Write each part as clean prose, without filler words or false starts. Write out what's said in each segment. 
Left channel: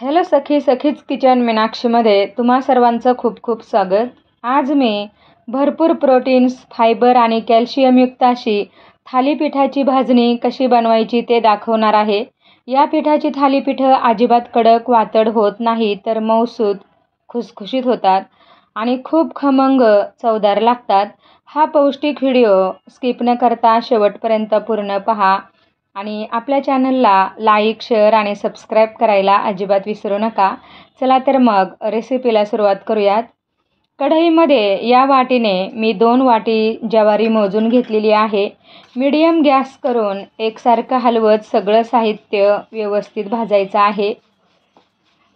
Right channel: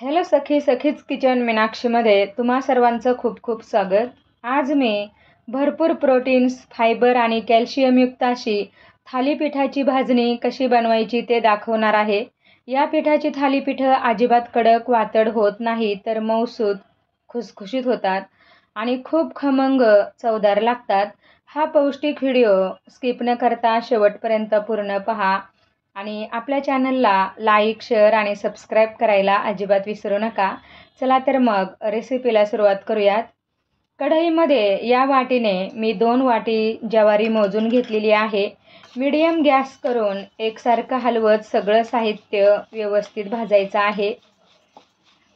Hello सखीज kitchen मीनाक्षीमध्ये तुम्हा सर्वांचं खूप खूप स्वागत। आज मी भरपूर प्रोटीन्स, फायबर आणि कॅल्शियमयुक्त अशी थालीपीठाची भाजणी कशी बनवायची ते दाखवणार आहे। या पिठाची थालीपीठं अजिबात कडक वातड होत नाही, तर मऊसूत खुसखुशीत होतात आणि खूप खमंग चवदार लागतात। हा पौष्टिक व्हिडिओ स्किप न करता शेवटपर्यंत पूर्ण पहा आणि आपल्या चॅनलला लाईक, शेअर आणि सबस्क्राईब करायला अजिबात विसरू नका। चला तर मग रेसिपीला सुरुवात करूयात। कढईमध्ये या वाटीने मी 2 वाटी ज्वारी मोजून घेतलेली आहे। मीडियम गॅस करून एकसारखं हलवत सगळं साहित्य व्यवस्थित भाजायचं आहे।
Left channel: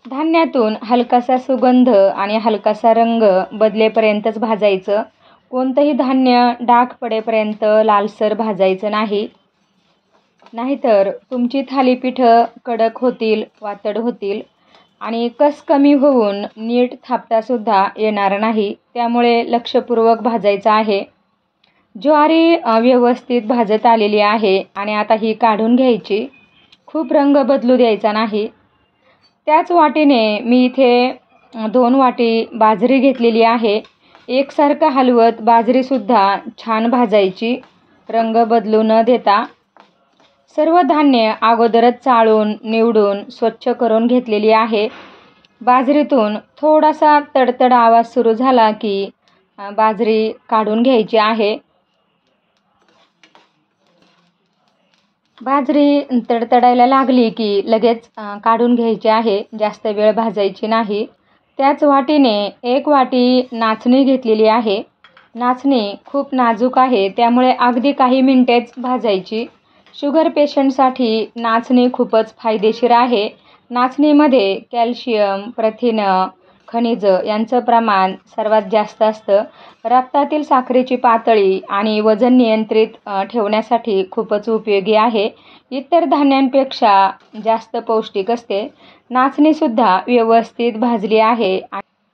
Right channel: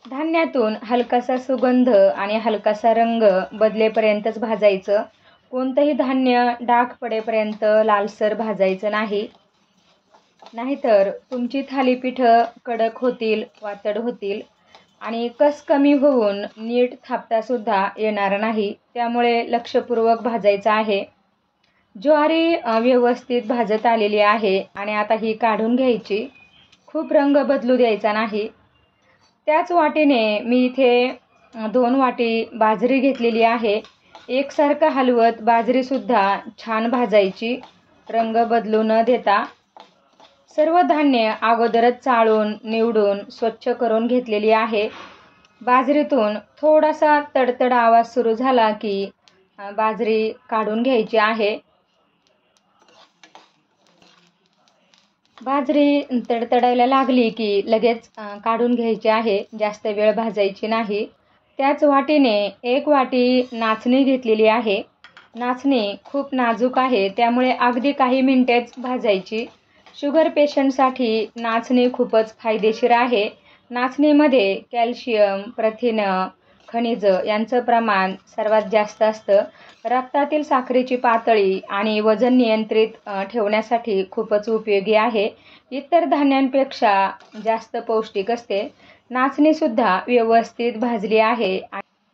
धान्यातून हलकासा सुगंध आणि हलकासा रंग बदलेपर्यंतच भाजायचं। कोणतंही धान्य डाग पडेपर्यंत लालसर भाजायचं नाही, नाहीतर तुमची थालीपीठं कडक होतील, वातड होतील आणि कस कमी होऊन नीट थापतासुद्धा येणार नाही। त्यामुळे लक्षपूर्वक भाजायचं आहे। ज्वारी व्यवस्थित भाजत आलेली आहे आणि आता ही काढून घ्यायची। खूप रंग बदलू द्यायचा नाही। त्याच वाटीने मी इथे 2 वाटी बाजरी घेतलेली आहे। एकसारखं हलवत बाजरीसुद्धा छान भाजायची, रंग बदलू न देता। सर्व धान्य अगोदरच चाळून निवडून स्वच्छ करून घेतलेली आहे। बाजरीतून थोडासा तडतड आवाज सुरू झाला की बाजरी काढून घ्यायची आहे। बाजरी तडतडायला लागली की लगेच काढून घ्यायची आहे, जास्त वेळ भाजायची नाही। त्याच वाटीने 1 वाटी नाचणी घेतलेली आहे। नाचणी खूप नाजूक आहे, त्यामुळे अगदी काही मिनिटेच भाजायची। शुगर पेशंटसाठी नाचणी खूपच फायदेशीर आहे। नाचणीमध्ये कॅल्शियम, प्रथिनं, खनिजं यांचं प्रमाण सर्वात जास्त असतं। रक्तातील साखरेची पातळी आणि वजन नियंत्रित ठेवण्यासाठी खूपच उपयोगी आहे। इतर धान्यांपेक्षा जास्त पौष्टिक असते। नाचणीसुद्धा व्यवस्थित भाजली आहे।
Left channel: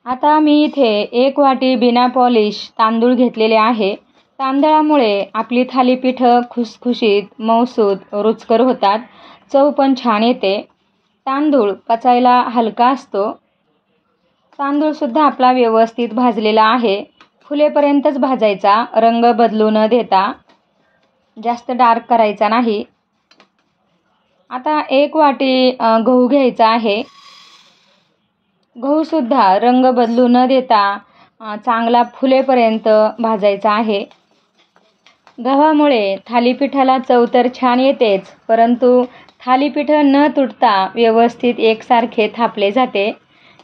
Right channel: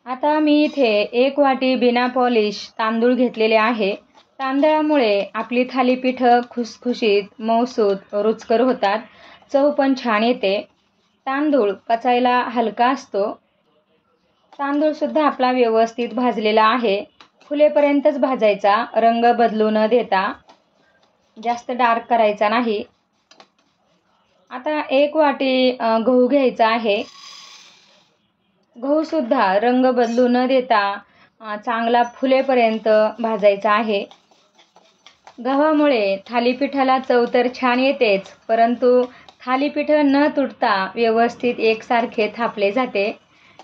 आता मी इथे 1 वाटी बिना पॉलिश तांदूळ घेतलेले आहे। तांदळामुळे आपली थालीपीठं खुसखुशीत, मऊसूत, रुचकर होतात। चव पण छान येते। तांदूळ पचायला हलका असतो। तांदूळसुद्धा आपला व्यवस्थित भाजलेला आहे। फुलेपर्यंतच भाजायचा, रंग बदलू न देता, जास्त डार्क करायचा नाही। आता 1 वाटी गहू घ्यायचा आहे। गहूसुद्धा रंग बदलू न देता चांगला फुलेपर्यंत भाजायचा आहे। गव्हामुळे थालीपीठाला चव तर छान येतेच, परंतु थालीपीठ न तुटता व्यवस्थित एकसारखे थापले जाते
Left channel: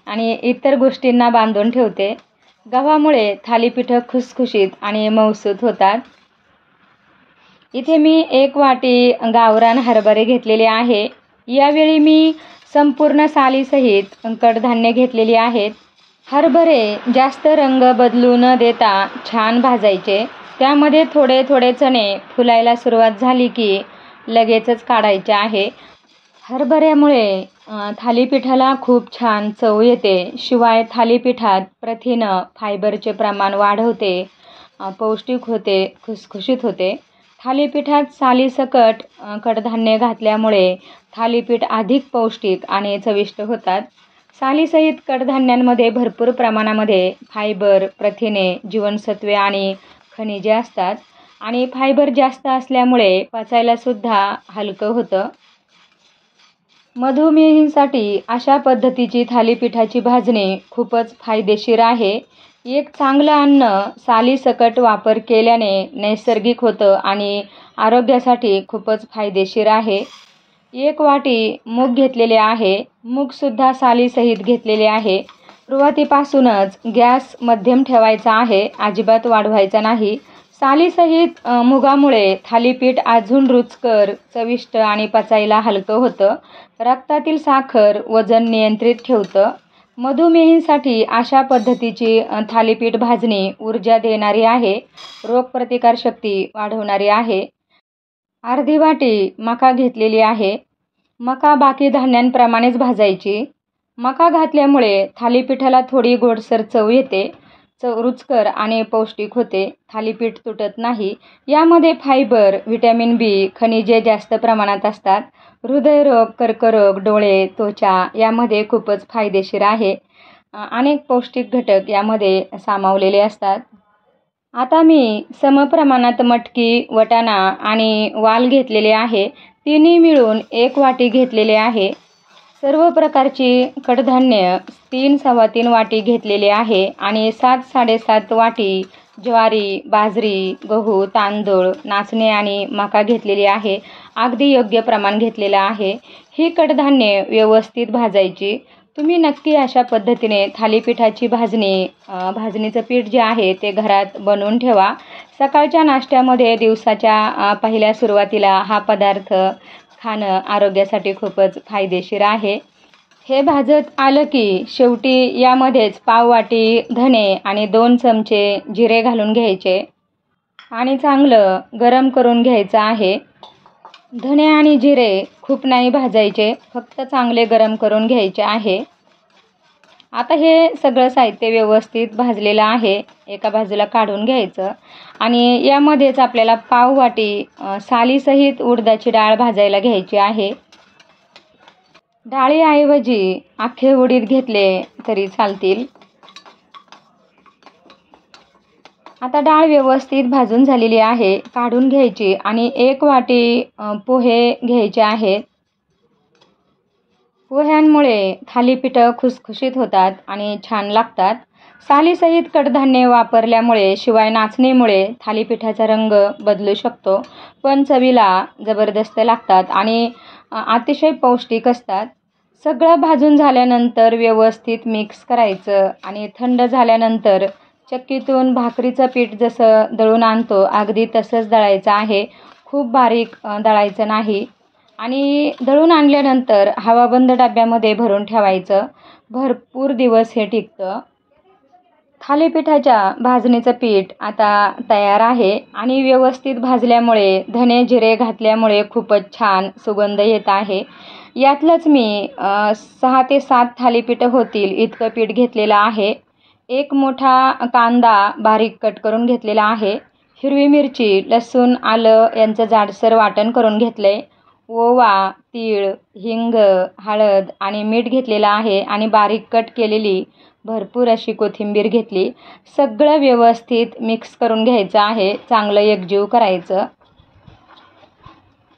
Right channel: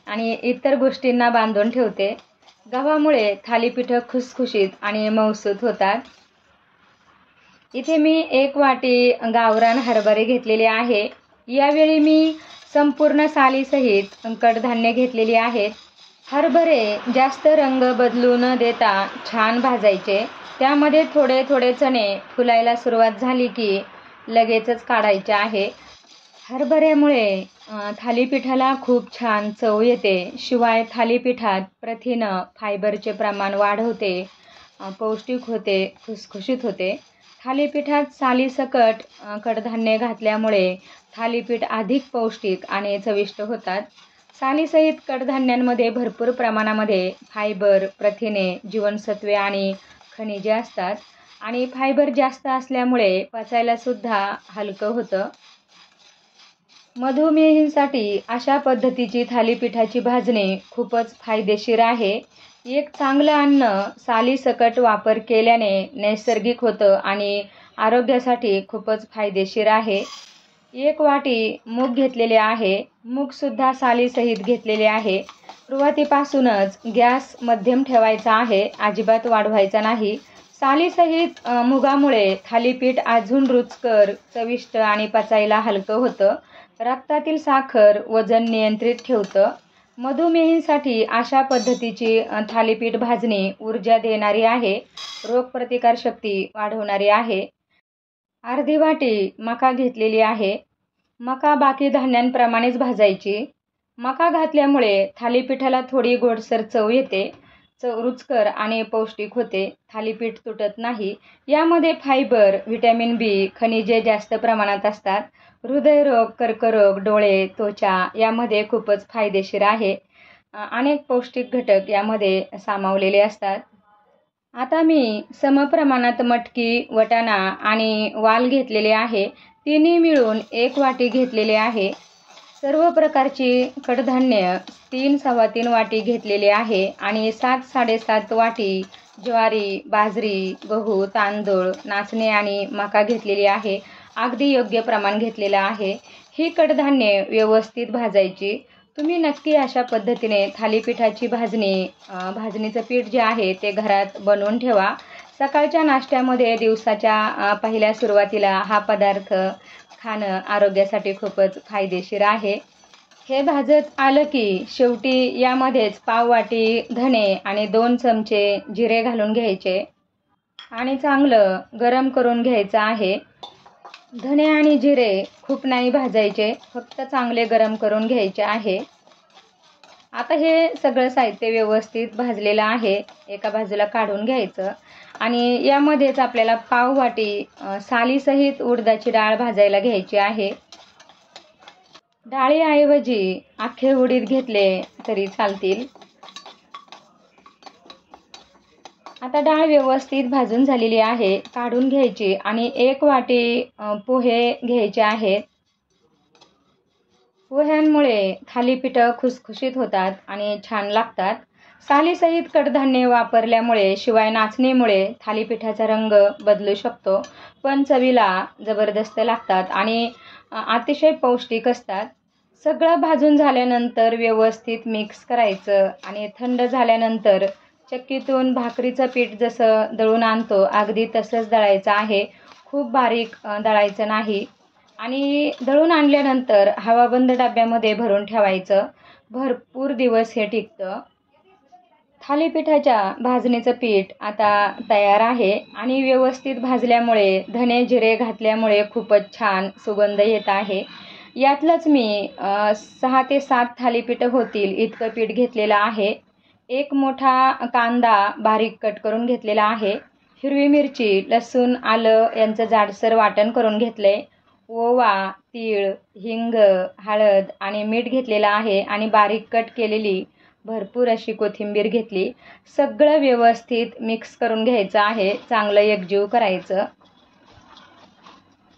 आणि इतर गोष्टींना बांधून ठेवते। गव्हामुळे थालीपीठ खुसखुशीत आणि मऊसूत होतात। इथे मी 1 वाटी गावरान हरभरे घेतलेले आहे। यावेळी मी संपूर्ण सालीसहित कडधान्य घेतलेली आहेत। हरभरे जास्त रंग बदलू न देता छान भाजायचे। त्यामध्ये थोडे थोडे चणे फुलायला सुरुवात झाली की लगेचच काढायचे आहे। हरभऱ्यामुळे थालीपीठाला खूप छान चव येते। शिवाय थालीपीठात प्रथिनं, फायबरचे प्रमाण वाढवते, पौष्टिक होते, खुसखुशीत होते। थालीपीठात सालीसकट कडधान्य घातल्यामुळे थालीपीठ अधिक पौष्टिक आणि चविष्ट होतात। सालीसहित कडधान्यांमध्ये भरपूर प्रमाणामध्ये फायबर, प्रथिने, जीवनसत्वे आणि खनिजे असतात आणि फायबर जास्त असल्यामुळे पचायलासुद्धा हलकं होतं। मधुमेहींसाठी अशा पद्धतीची थालीपीठाची भाजणी खूपच फायदेशीर आहे। एक चांगलं अन्न सालीसकट वापर केल्याने नैसर्गिक होतं आणि आरोग्यासाठी खूपच फायदेशीर आहे। 1 वाटी मूग घेतलेले आहे। मूगसुद्धा सालीसहित घेतलेले आहे। सुरुवातीपासूनच गॅस मध्यम ठेवायचा आहे, अजिबात वाढवायचा नाही। सालीसहित मुगामुळे थालीपीठ अजून रुचकर, चविष्ट आणि पचायला हलकं होतं। रक्तातील साखर, वजन नियंत्रित ठेवतं। मधुमेहींसाठी अशा पद्धतीची थालीपीठ भाजणी ऊर्जा देणारी आहे, रोगप्रतिकारशक्ती वाढवणारी आहे। अर्धी वाटी मका घेतलेली आहे। मका बाकी धान्यांप्रमाणेच भाजायची। मका घातल्यामुळे थालीपीठाला थोडी गोडसर चव येते, रुचकर आणि पौष्टिक होते। थालीपीठ तुटत नाही। यामध्ये फायबर, व्हिटॅमिन बी, खनिजे जास्त प्रमाणात असतात। हृदयरोग, कर्करोग, डोळे, त्वचा यामध्ये खूपच फायदेशीर आहे. अनेक पौष्टिक घटक यामध्ये सामावलेले असतात. आता मी समप्रमाणात मटकी, वाटाणा आणि वाल घेतलेले आहे. तिन्ही मिळून 1 वाटी घेतलेले आहे. सर्व प्रकारची कडधान्य 3-3.25 वाटी घेतलेले आहे आणि 7-7.5 वाटी ज्वारी, बाजरी, गहू, तांदूळ, नाचणे आणि मका घेतलेली आहे. अगदी योग्य प्रमाण घेतलेलं आहे. ही कडधान्ये व्यवस्थित भाजायची. तुम्ही नक्की अशा पद्धतीने थालीपीठाची भाजणीचं पीठ जे आहे ते घरात बनवून ठेवा. सकाळच्या नाश्त्यामध्ये दिवसाच्या पहिल्या सुरुवातीला हा पदार्थ खाणं आरोग्यासाठी खूपच फायदेशीर आहे. हे भाजत आलं की शेवटी यामध्येच पाव वाटी धणे आणि 2 चमचे जिरे घालून घ्यायचे आणि चांगलं गरम करून घ्यायचं आहे. धणे आणि जिरे खूप नाही भाजायचे, फक्त चांगले गरम करून घ्यायचे आहे. आता हे सगळं साहित्य व्यवस्थित भाजलेलं आहे. एका बाजूला काढून घ्यायचं आणि यामध्येच आपल्याला पाव वाटी सालीसहित उडदाची डाळ भाजायला घ्यायची आहे. डाळीऐवजी अख्खे उडीद घेतले तरी चालतील. आता डाळ व्यवस्थित भाजून झालेली आहे, काढून घ्यायची आणि 1 वाटी पोहे घ्यायचे आहेत. पोह्यांमुळे थालीपीठं खुसखुशीत होतात आणि छान लागतात. सालीसहित कडधान्ये वापरल्यामुळे शिवाय नाचणीमुळे थालीपीठाचा रंग बदलू शकतो, पण चवीला जबरदस्त लागतात आणि अतिशय पौष्टिक असतात. सगळं भाजून झाल्यानंतर व्यवस्थित मिक्स करायचं आणि थंड झाल्यानंतर चक्कीतून भाकरीचं पीठ जसं दळून आणतो अगदी तसंच दळायचं आहे. खूप बारीक दळायचं नाही आणि दळून आणल्यानंतर हवाबंद डब्यामध्ये भरून ठेवायचं. भरपूर दिवस हे टिकतं. थालीपीठाच्या भाजणीचं पीठ आता तयार आहे आणि व्यवस्थित भाजल्यामुळे धणे जिरे घातल्यामुळे खूपच छान सुगंध येत आहे. यातलंच मी 6 ते 7 थालीपीठं होतील इतकं पीठ घेतलेलं आहे. 1 मोठा कांदा बारीक कट करून घेतलेला आहे. हिरवी मिरची, लसूण, आलं यांचं जाडसर वाटण करून घेतलंय. ओवा, तीळ, हिंग, हळद आणि मीठ घेतलेलं आहे आणि बारीक कट केलेली भरपूर अशी कोथिंबीर घेतली. सगळं व्यवस्थित मिक्स करून घ्यायचं आहे. चांगलं एकजीव करायचं.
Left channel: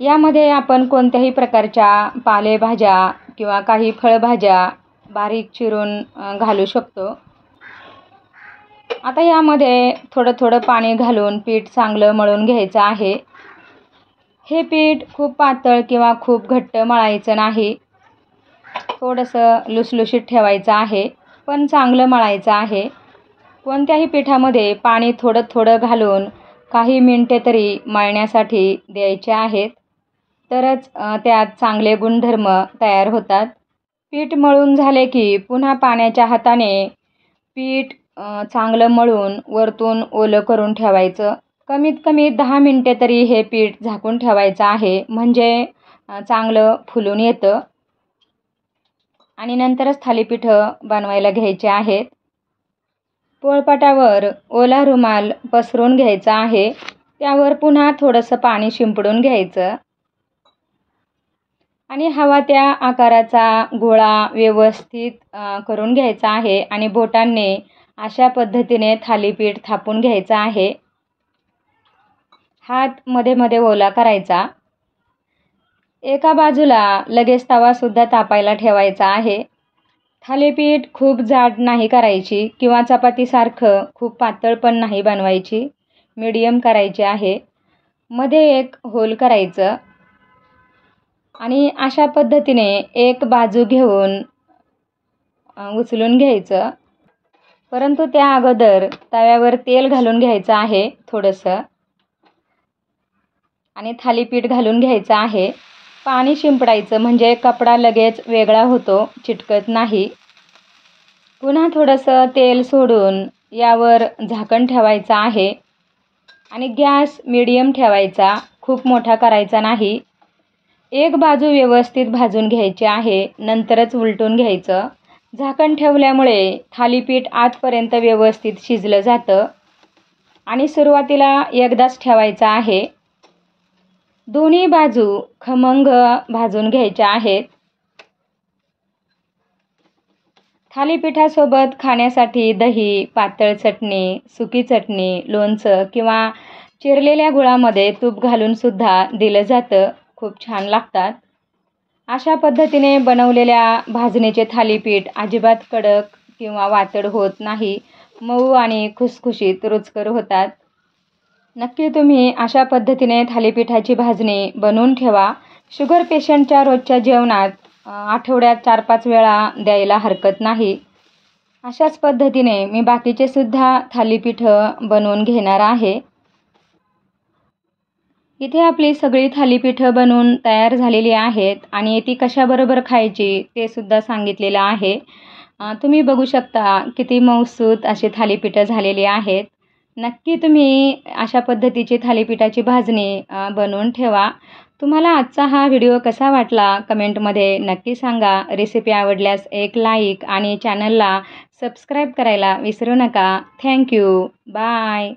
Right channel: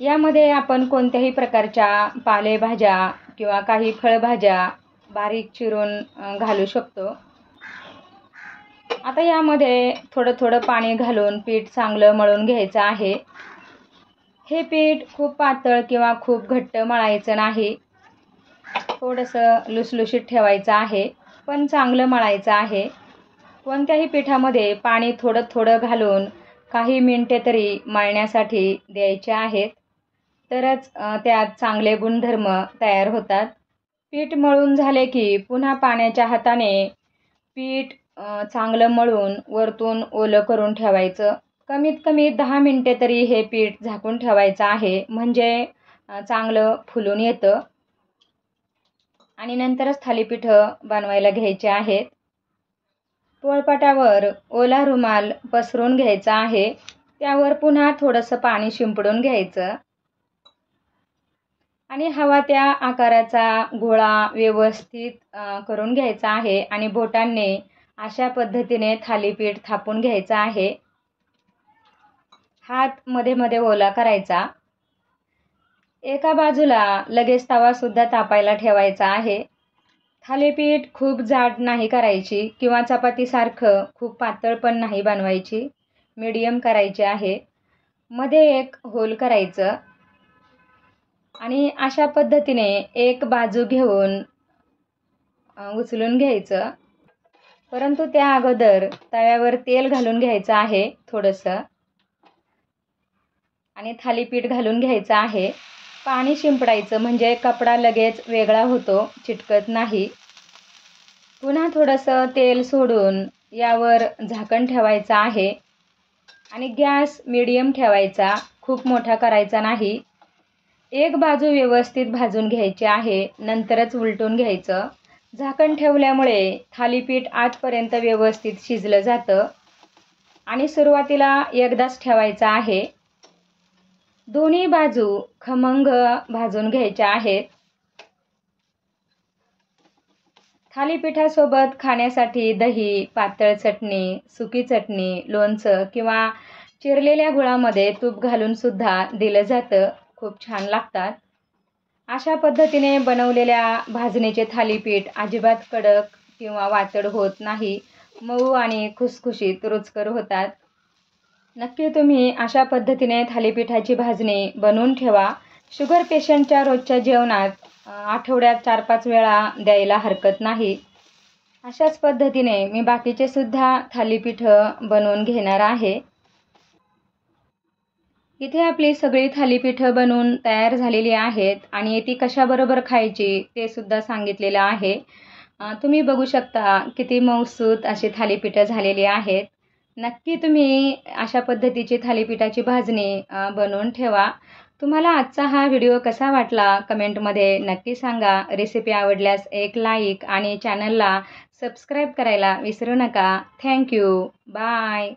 यामध्ये आपण कोणत्याही प्रकारच्या पालेभाज्या किंवा काही फळभाज्या बारीक चिरून घालू शकतो. आता यामध्ये थोडं थोडं पाणी घालून पीठ चांगलं मळून घ्यायचं आहे. हे पीठ खूप पातळ किंवा खूप घट्ट मळायचं नाही. थोडंसं लुसलुशीत ठेवायचं आहे, पण चांगलं मळायचं आहे. कोणत्याही पिठामध्ये पाणी थोडं थोडं घालून काही मिनिटे तरी मळण्यासाठी द्यायचे आहेत, तरच त्यात चांगले गुणधर्म तयार होतात. पीठ मळून झाले की पुन्हा पाण्याच्या हाताने पीठ चांगलं मळून वरतून ओलं करून ठेवायचं. कमीत कमी 10 मिनिटे तरी हे पीठ झाकून ठेवायचं आहे, म्हणजे चांगलं फुलून येतं आणि नंतरच थालीपीठं बनवायला घ्यायचे आहेत. पोळपाटावर ओला रुमाल पसरून घ्यायचा आहे. त्यावर पुन्हा थोडंसं पाणी शिंपडून घ्यायचं आणि हवा त्या आकाराचा गोळा व्यवस्थित करून घ्यायचा आहे आणि बोटांनी अशा पद्धतीने थालीपीठ थापून घ्यायचं आहे. हात मध्ये मध्ये ओला करायचा. एका बाजूला लगेच तवासुद्धा तापायला ठेवायचा आहे. थालीपीठ खूप जाड नाही करायची किंवा चपातीसारखं खूप पातळ पण नाही बनवायची. मीडियम करायची आहे. मध्ये एक होल करायचं आणि अशा पद्धतीने एक बाजू घेऊन उचलून घ्यायचं. परंतु त्या अगोदर तव्यावर तेल घालून घ्यायचं आहे थोडंसं आणि थालीपीठ घालून घ्यायचं आहे. पाणी शिंपडायचं म्हणजे कपडा लगेच वेगळा होतो, चिटकत नाही. पुन्हा थोडंसं तेल सोडून यावर झाकण ठेवायचं आहे आणि गॅस मीडियम ठेवायचा, खूप मोठा करायचा नाही. एक बाजू व्यवस्थित भाजून घ्यायची आहे, नंतरच उलटून घ्यायचं. झाकण ठेवल्यामुळे थालीपीठ आतपर्यंत व्यवस्थित शिजलं जातं आणि सुरुवातीला एकदाच ठेवायचं आहे. दोन्ही बाजू खमंग भाजून घ्यायच्या आहेत. थालीपीठासोबत खाण्यासाठी दही, पातळ चटणी, सुकी चटणी, लोणचं किंवा चिरलेल्या गुळामध्ये तूप घालून सुद्धा दिलं जातं. खूप छान लागतात. अशा पद्धतीने बनवलेल्या भाजणीचे थालीपीठ अजिबात कडक किंवा वातड होत नाही. मऊ आणि खुसखुशीत रुचकर होतात. नक्की तुम्ही अशा पद्धतीने थालीपीठाची भाजणी बनवून ठेवा. शुगर पेशंटच्या रोजच्या जेवणात आठवड्यात 4-5 वेळा द्यायला हरकत नाही. अशाच पद्धतीने मी बाकीचे सुद्धा थालीपीठं बनवून घेणार आहे. इथे आपली सगळी थालीपीठं बनवून तयार झालेली आहेत आणि ती कशाबरोबर खायची ते सुद्धा सांगितलेलं आहे. तुम्ही बघू शकता किती मऊसूत अशी थालीपीठं झालेली आहेत. नक्की तुम्ही अशा पद्धतीची थालीपीठाची भाजणी बनवून ठेवा. तुम्हाला आजचा हा व्हिडिओ कसा वाटला कमेंटमध्ये नक्की सांगा. रेसिपी आवडल्यास एक लाईक आणि चॅनलला सबस्क्राईब करायला विसरू नका. थँक्यू. बाय.